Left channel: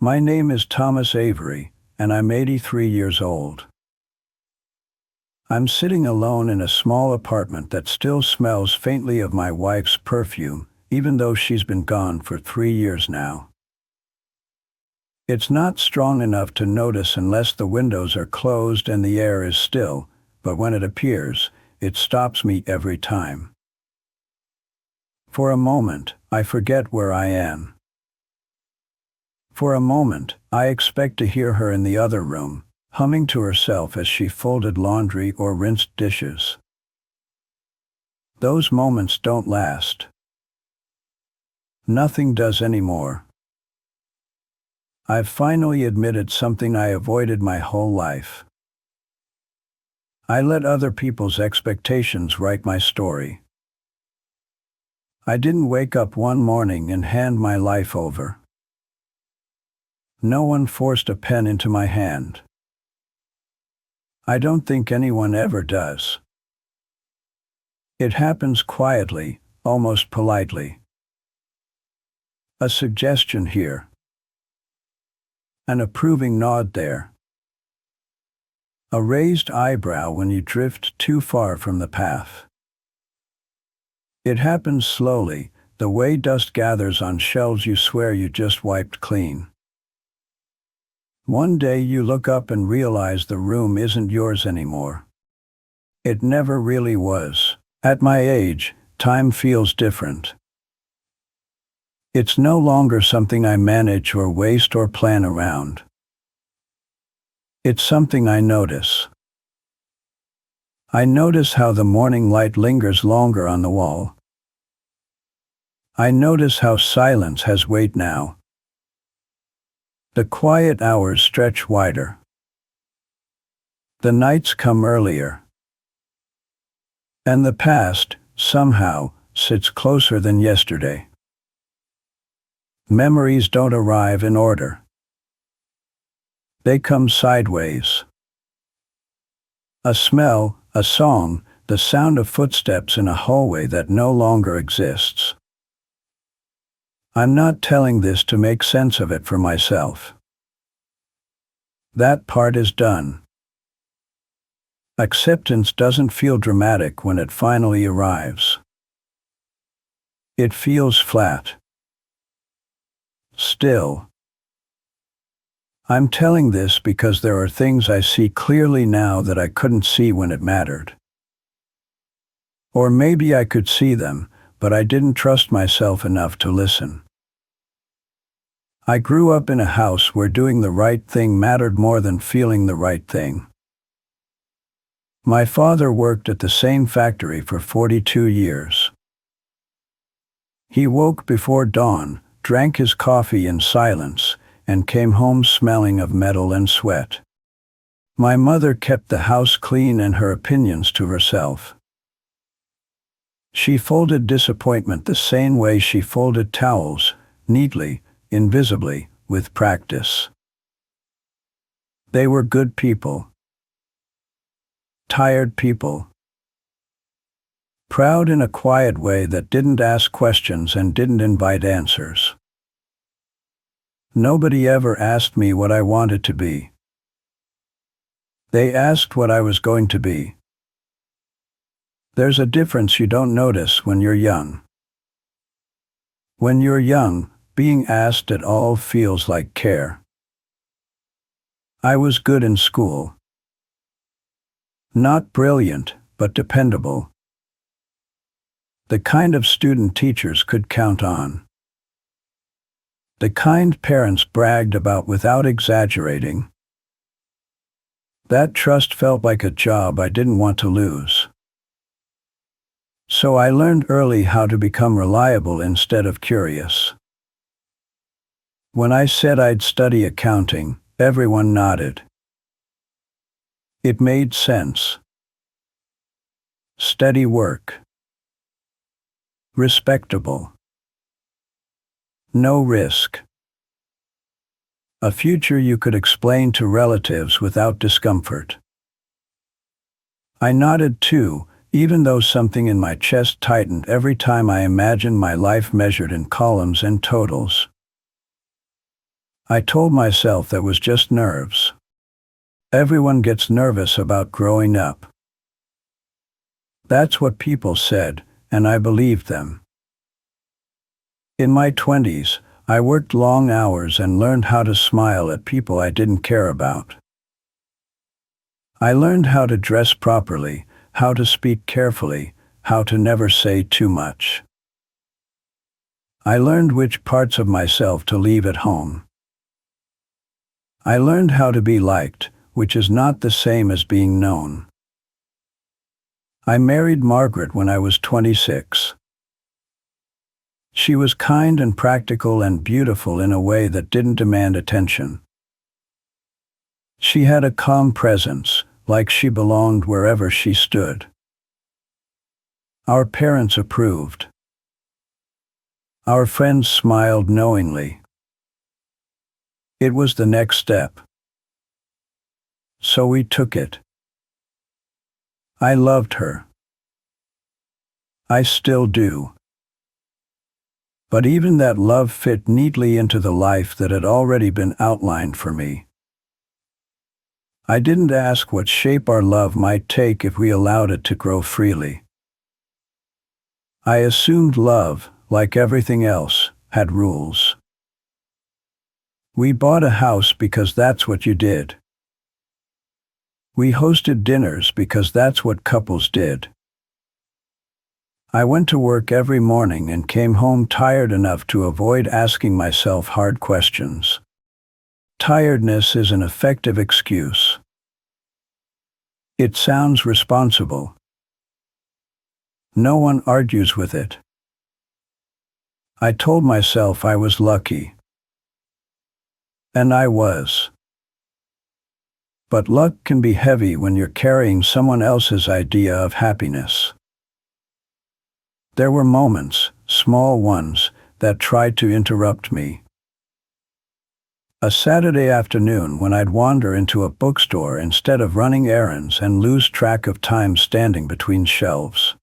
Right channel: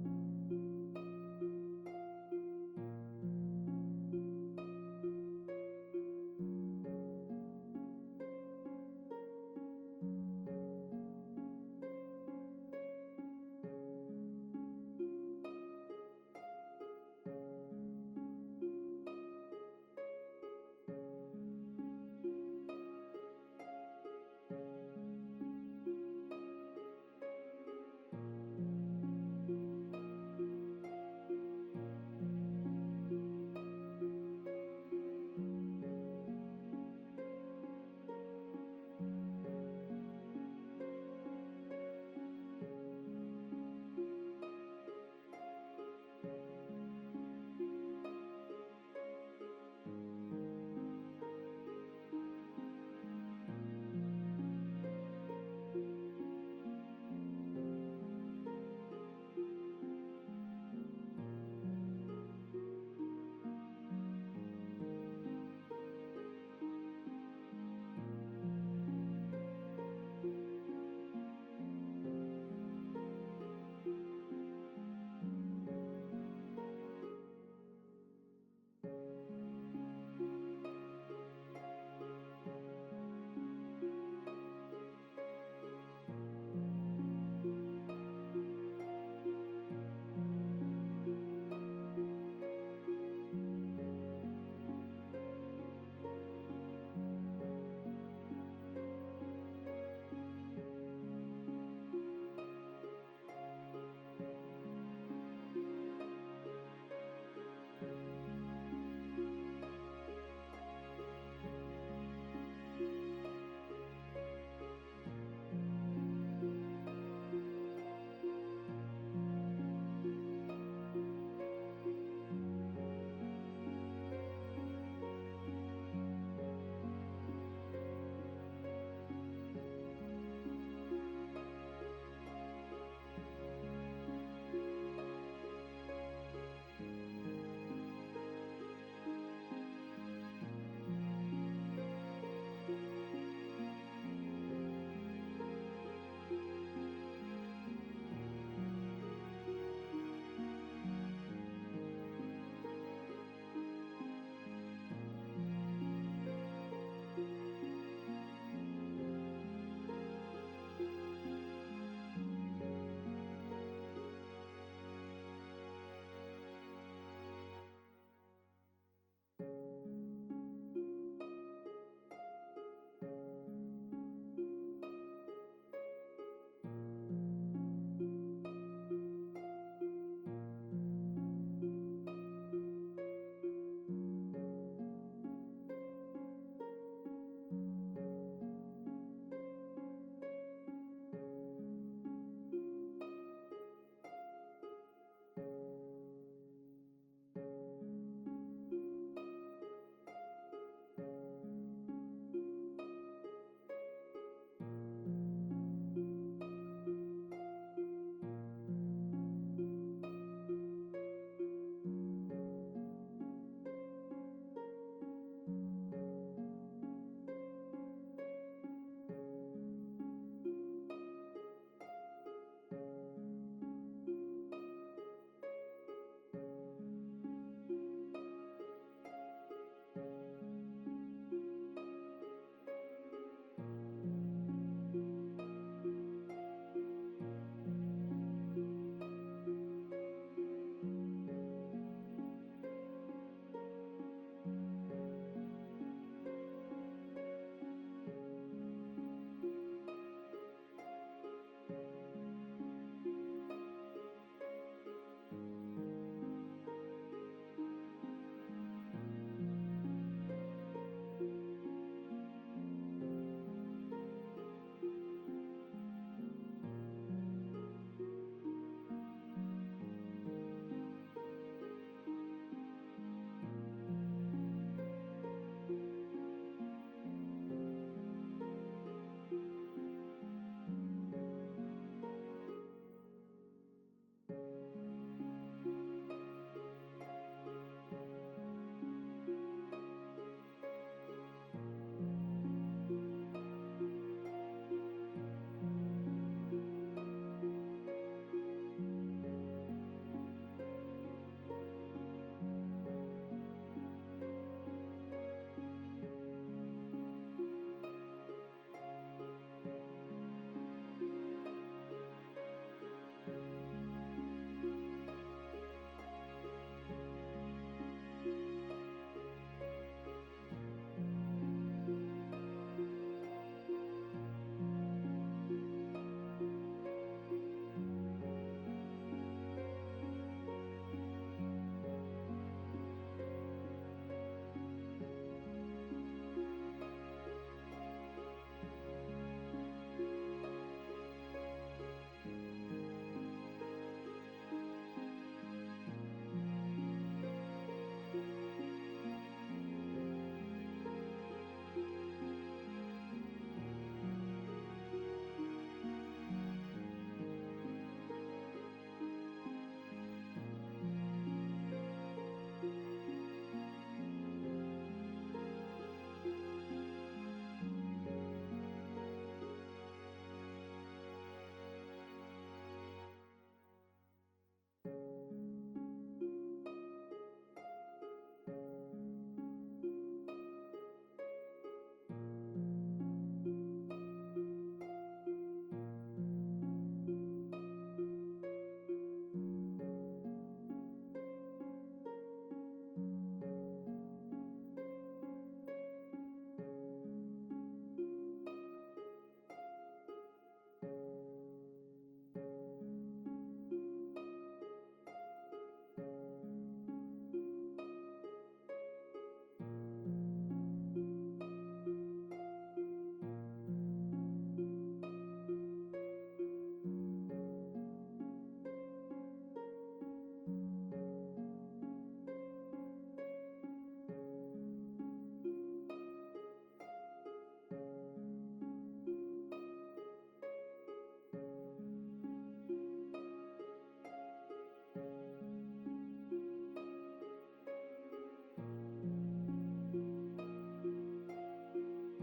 My name is Thomas Avery, and I'm 83 years old. I'm sitting alone in a small apartment that still smells faintly of my wife's perfume, even though she's been gone for 3 years now. It's not strong enough to notice unless the windows are closed and the air is still, but when it appears, it stops me every time. For a moment, I forget where I am. For a moment, I expect to hear her in the other room, humming to herself as she folded laundry or rinsed dishes. Those moments don't last. Nothing does anymore. I've finally admitted something I avoided my whole life. I let other people's expectations write my story. I didn't wake up one morning and hand my life over. No one forced a pen into my hand. I don't think anyone ever does. It happens quietly, almost politely. A suggestion here. An approving nod there. A raised eyebrow when you drift too far from the path. It happens slowly, the way dust gathers on shelves you swear you just wiped clean. One day you look up and realize the room isn't yours anymore. It never really was. At my age, time feels different. It's no longer something I manage or waste or plan around. It's something I notice. I notice how the morning light lingers longer on the wall. I notice how silence has weight now. The quiet hours stretch wider. The nights come earlier. And the past, somehow, sits closer than yesterday. Memories don't arrive in order. They come sideways. A smell, a song, the sound of footsteps in a hallway that no longer exists. I'm not telling this to make sense of it for myself. That part is done. Acceptance doesn't feel dramatic when it finally arrives. It feels flat. Still. I'm telling this because there are things I see clearly now that I couldn't see when it mattered. Or maybe I could see them, but I didn't trust myself enough to listen. I grew up in a house where doing the right thing mattered more than feeling the right thing. My father worked at the same factory for 42 years. He woke before dawn, drank his coffee in silence, and came home smelling of metal and sweat. My mother kept the house clean and her opinions to herself. She folded disappointment the same way she folded towels, neatly, invisibly, with practice. They were good people. Tired people. Proud in a quiet way that didn't ask questions and didn't invite answers. Nobody ever asked me what I wanted to be. They asked what I was going to be. There's a difference you don't notice when you're young. When you're young, being asked at all feels like care. I was good in school. Not brilliant, but dependable. The kind of student teachers could count on. The kind parents bragged about without exaggerating. That trust felt like a job I didn't want to lose. So I learned early how to become reliable instead of curious. When I said I'd study accounting, everyone nodded. It made sense. Steady work. Respectable. No risk. A future you could explain to relatives without discomfort. I nodded too, even though something in my chest tightened every time I imagined my life measured in columns and totals. I told myself that was just nerves. Everyone gets nervous about growing up. That's what people said, and I believed them. In my 20s, I worked long hours and learned how to smile at people I didn't care about. I learned how to dress properly, how to speak carefully, how to never say too much. I learned which parts of myself to leave at home. I learned how to be liked, which is not the same as being known. I married Margaret when I was 26. She was kind and practical and beautiful in a way that didn't demand attention. She had a calm presence, like she belonged wherever she stood. Our parents approved. Our friends smiled knowingly. It was the next step. So we took it. I loved her. I still do. But even that love fit neatly into the life that had already been outlined for me. I didn't ask what shape our love might take if we allowed it to grow freely. I assumed love, like everything else, had rules. We bought a house because that's what you did. We hosted dinners because that's what couples did. I went to work every morning and came home tired enough to avoid asking myself hard questions. Tiredness is an effective excuse. It sounds responsible. No one argues with it. I told myself I was lucky. And I was. But luck can be heavy when you're carrying someone else's idea of happiness. There were moments, small ones, that tried to interrupt me. A Saturday afternoon when I'd wander into a bookstore instead of running errands and lose track of time standing between shelves.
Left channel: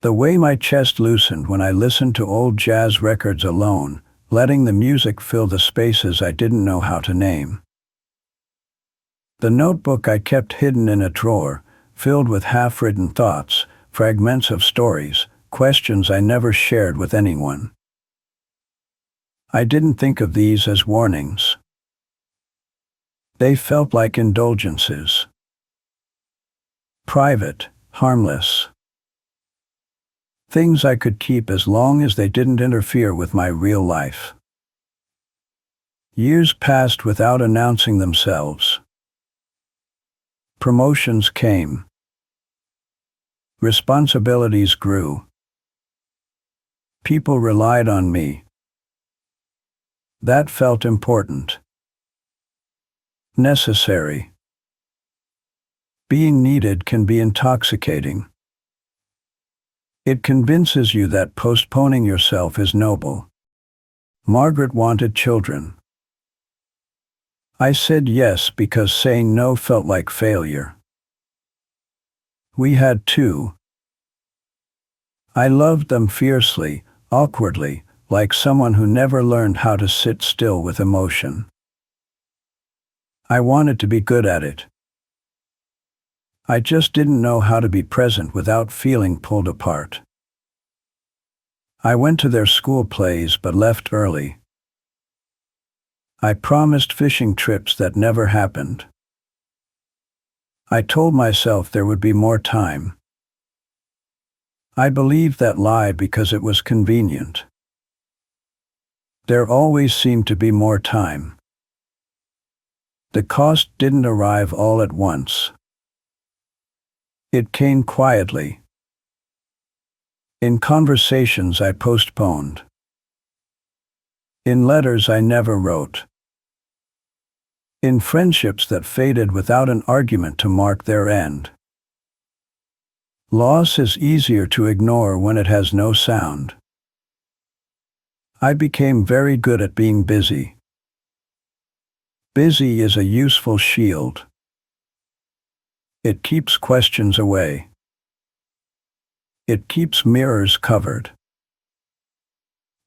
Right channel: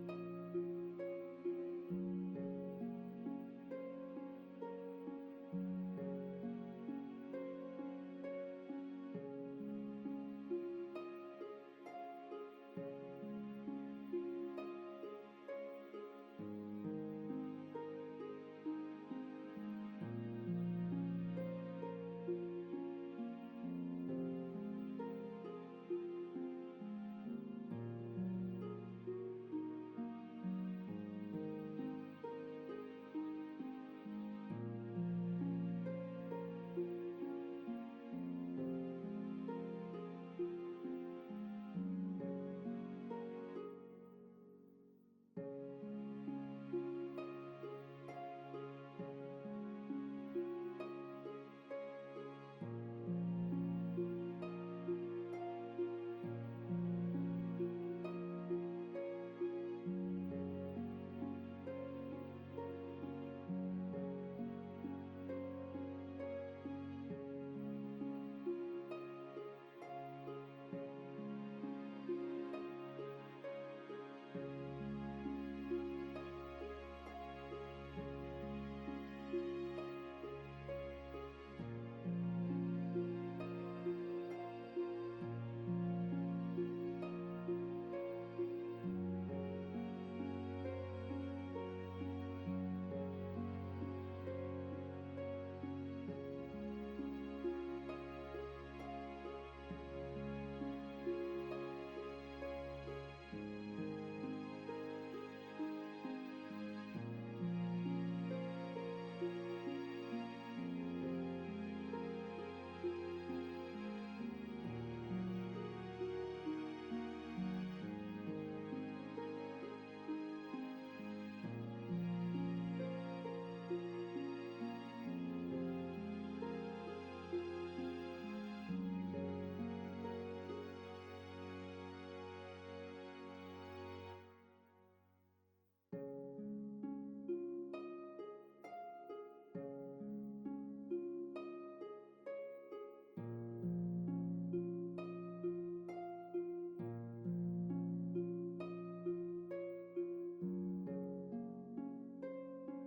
The way my chest loosened when I listened to old jazz records alone, letting the music fill the spaces I didn't know how to name. The notebook I kept hidden in a drawer, filled with half-written thoughts, fragments of stories, questions I never shared with anyone. I didn't think of these as warnings. They felt like indulgences. Private, harmless. Things I could keep as long as they didn't interfere with my real life. Years passed without announcing themselves. Promotions came. Responsibilities grew. People relied on me. That felt important. Necessary. Being needed can be intoxicating. It convinces you that postponing yourself is noble. Margaret wanted children. I said yes because saying no felt like failure. We had two. I loved them fiercely, awkwardly, like someone who never learned how to sit still with emotion. I wanted to be good at it. I just didn't know how to be present without feeling pulled apart. I went to their school plays but left early. I promised fishing trips that never happened. I told myself there would be more time. I believed that lie because it was convenient. There always seemed to be more time. The cost didn't arrive all at once. It came quietly. In conversations I postponed. In letters I never wrote. In friendships that faded without an argument to mark their end. Loss is easier to ignore when it has no sound. I became very good at being busy. Busy is a useful shield. It keeps questions away. It keeps mirrors covered.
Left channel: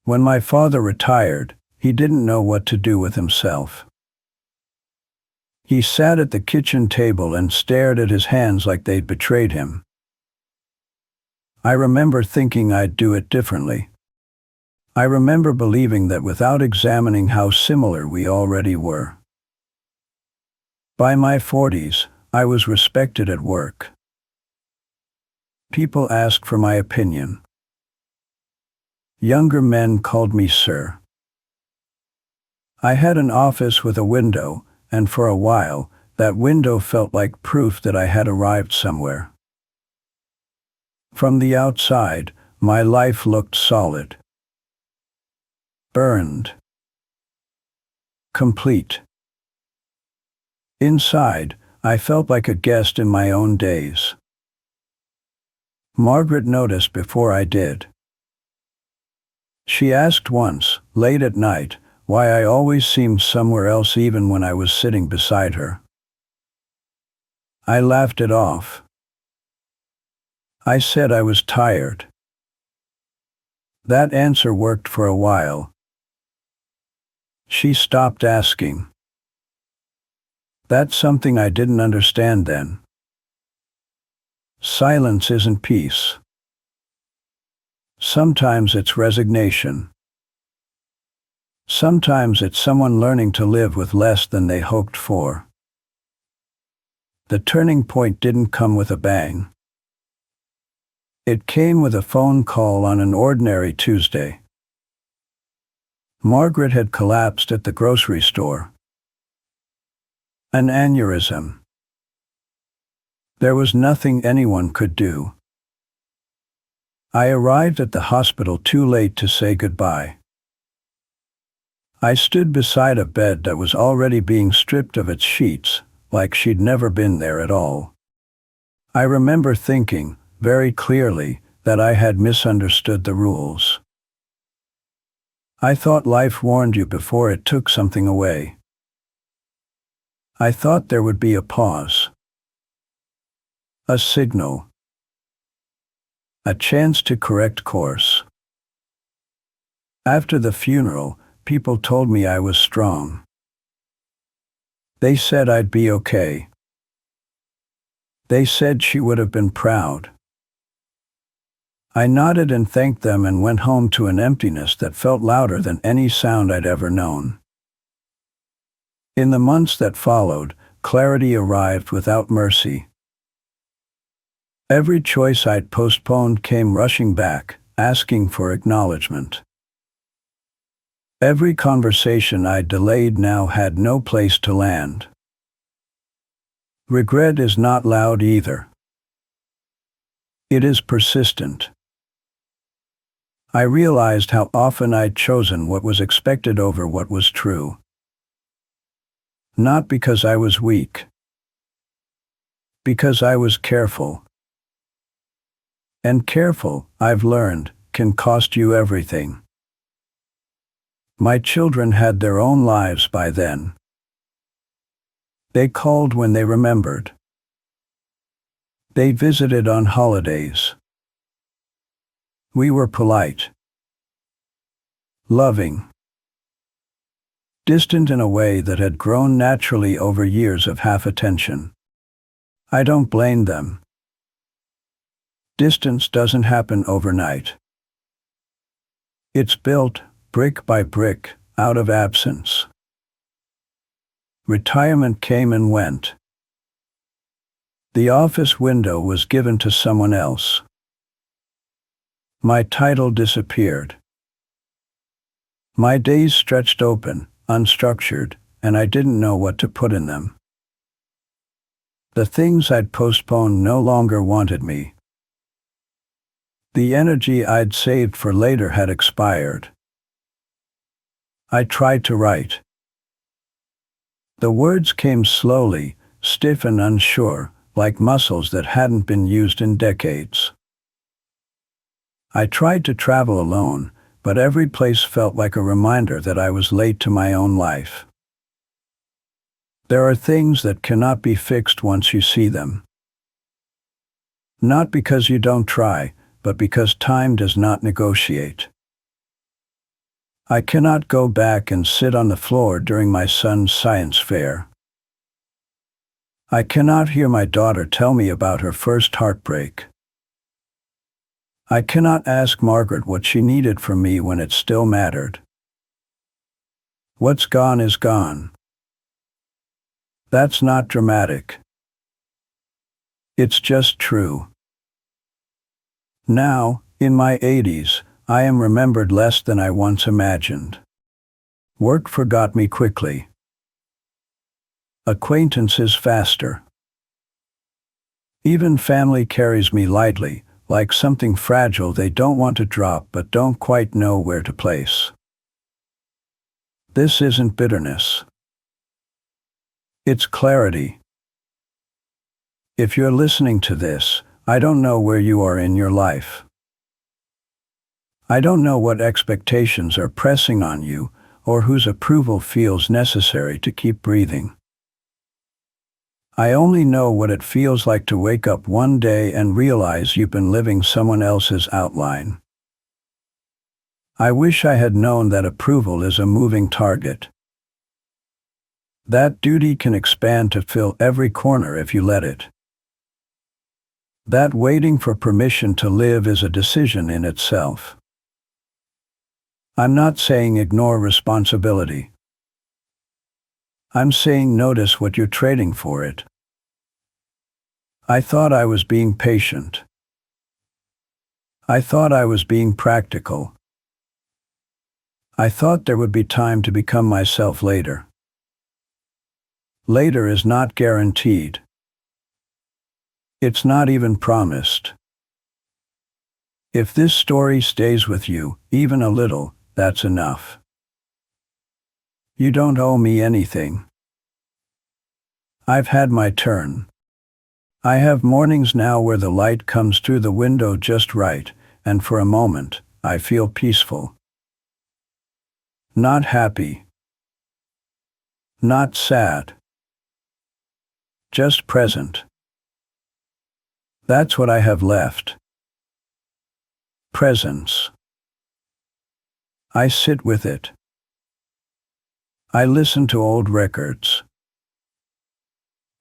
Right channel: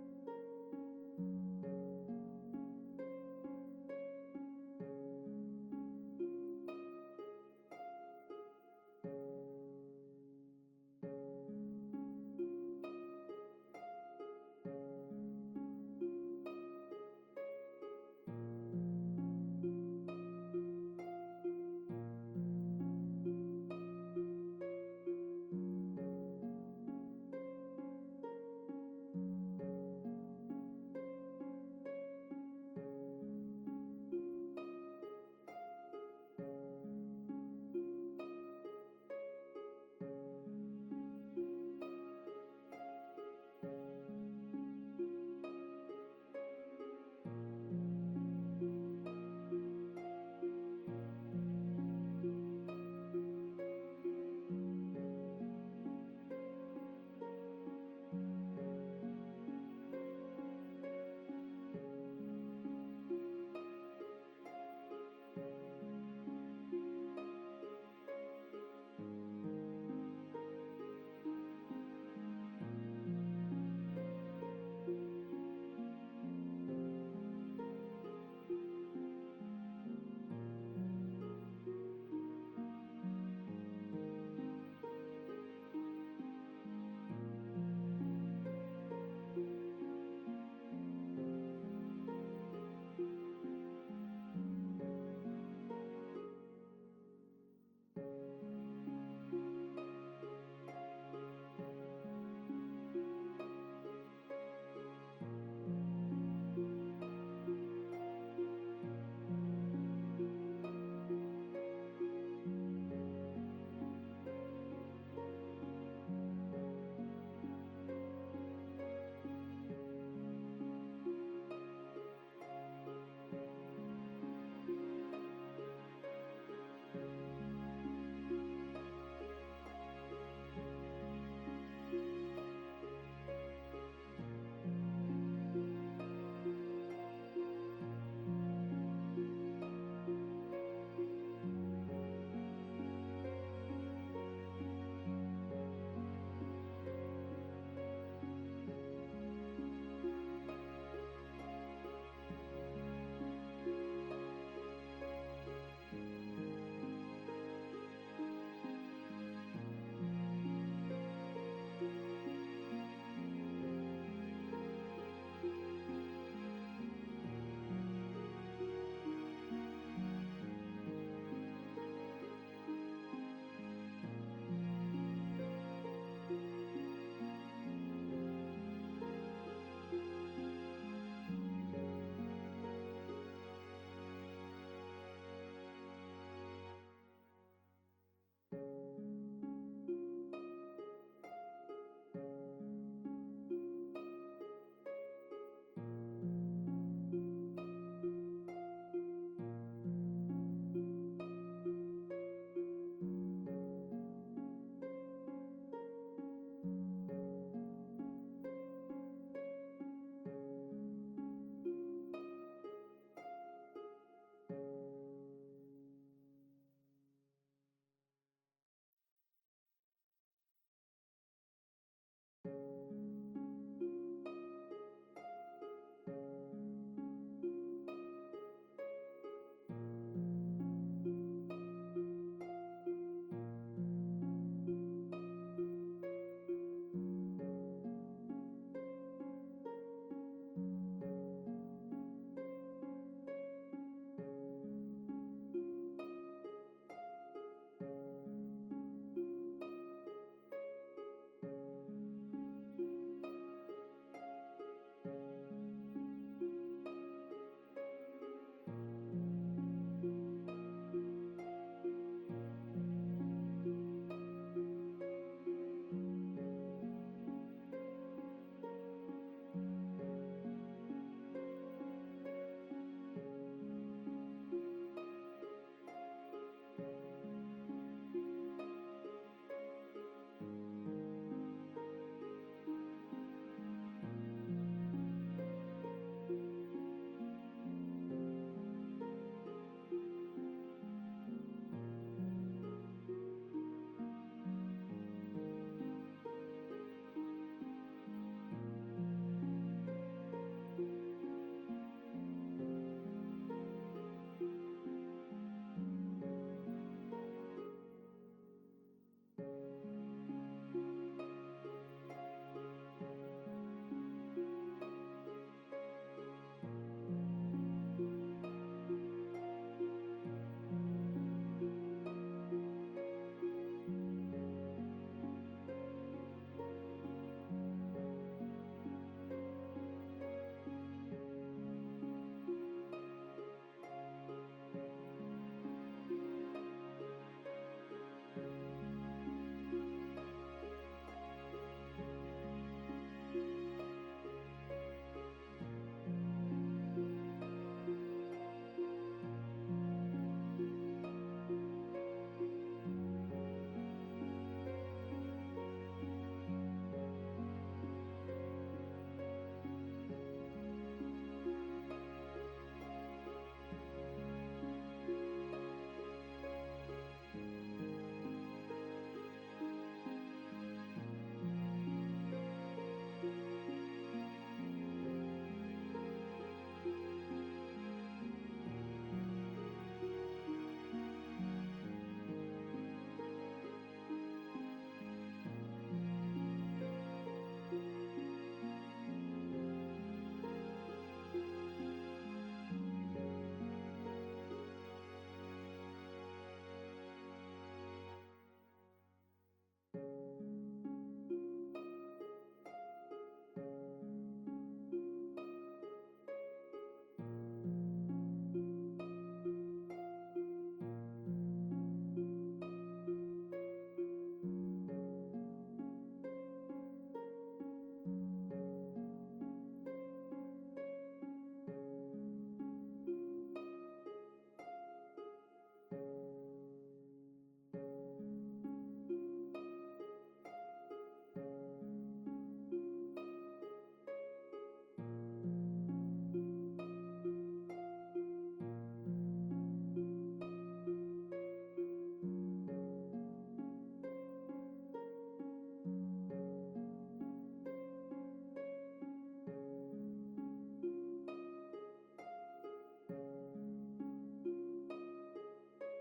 When my father retired, He didn't know what to do with himself. He sat at the kitchen table and stared at his hands like they'd betrayed him. I remember thinking I'd do it differently. I remember believing that without examining how similar we already were. By my 40s, I was respected at work. People asked for my opinion. Younger men called me sir. I had an office with a window, and for a while, that window felt like proof that I had arrived somewhere. From the outside, my life looked solid. Burned. Complete. Inside, I felt like a guest in my own days. Margaret noticed before I did. She asked once, late at night, why I always seemed somewhere else even when I was sitting beside her. I laughed it off. I said I was tired. That answer worked for a while. She stopped asking. That's something I didn't understand then. Silence isn't peace. Sometimes it's resignation. Sometimes it's someone learning to live with less than they hoped for. The turning point didn't come with a bang. It came with a phone call on an ordinary Tuesday. Margaret had collapsed at the grocery store. An aneurysm. There was nothing anyone could do. I arrived at the hospital too late to say goodbye. I stood beside a bed that was already being stripped of its sheets, like she'd never been there at all. I remember thinking, very clearly, that I had misunderstood the rules. I thought life warned you before it took something away. I thought there would be a pause. A signal. A chance to correct course. After the funeral, people told me I was strong. They said I'd be okay. They said she would have been proud. I nodded and thanked them and went home to an emptiness that felt louder than any sound I'd ever known. In the months that followed, clarity arrived without mercy. Every choice I'd postponed came rushing back, asking for acknowledgement. Every conversation I delayed now had no place to land. Regret is not loud either. It is persistent. I realized how often I'd chosen what was expected over what was true. Not because I was weak. Because I was careful. And careful, I've learned, can cost you everything. My children had their own lives by then. They called when they remembered. They visited on holidays. We were polite. Loving. Distant in a way that had grown naturally over years of half-attention. I don't blame them. Distance doesn't happen overnight. It's built, brick by brick, out of absence. Retirement came and went. The office window was given to someone else. My title disappeared. My days stretched open, unstructured, and I didn't know what to put in them. The things I'd postponed no longer wanted me. The energy I'd saved for later had expired. I tried to write. The words came slowly, stiff and unsure, like muscles that hadn't been used in decades. I tried to travel alone, but every place felt like a reminder that I was late to my own life. There are things that cannot be fixed once you see them. Not because you don't try, but because time does not negotiate. I cannot go back and sit on the floor during my son's science fair. I cannot hear my daughter tell me about her first heartbreak. I cannot ask Margaret what she needed from me when it still mattered. What's gone is gone. That's not dramatic. It's just true. Now, in my 80s, I am remembered less than I once imagined. Work forgot me quickly. Acquaintances faster. Even family carries me lightly, like something fragile they don't want to drop but don't quite know where to place. This isn't bitterness. It's clarity. If you're listening to this, I don't know where you are in your life. I don't know what expectations are pressing on you or whose approval feels necessary to keep breathing. I only know what it feels like to wake up one day and realize you've been living someone else's outline. I wish I had known that approval is a moving target. That duty can expand to fill every corner if you let it. That waiting for permission to live is a decision in itself. I'm not saying ignore responsibility. I'm saying notice what you're trading for it. I thought I was being patient. I thought I was being practical. I thought there would be time to become myself later. Later is not guaranteed. It's not even promised. If this story stays with you, even a little, that's enough. You don't owe me anything. I've had my turn. I have mornings now where the light comes through the window just right, and for a moment, I feel peaceful. Not happy. Not sad. Just present. That's what I have left. Presence. I sit with it. I listen to old records.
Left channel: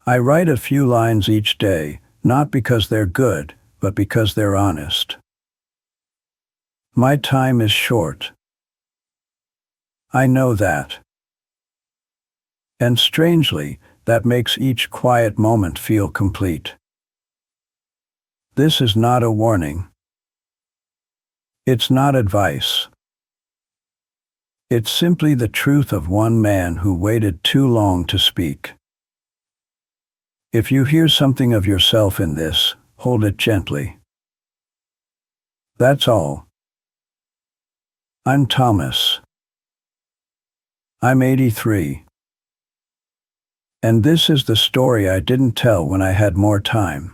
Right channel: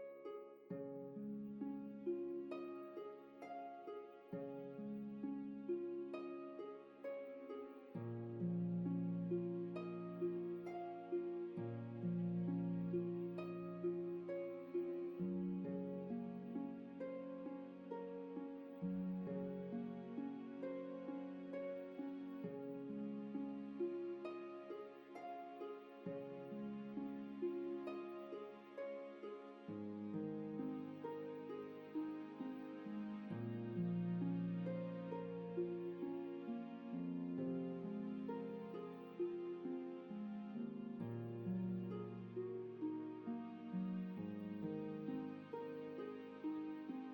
I write a few lines each day, not because they're good, but because they're honest. My time is short. I know that. And strangely, that makes each quiet moment feel complete. This is not a warning. It's not advice. It's simply the truth of one man who waited too long to speak. If you hear something of yourself in this, hold it gently. That's all. I'm Thomas. I'm 83. And this is the story I didn't tell when I had more time.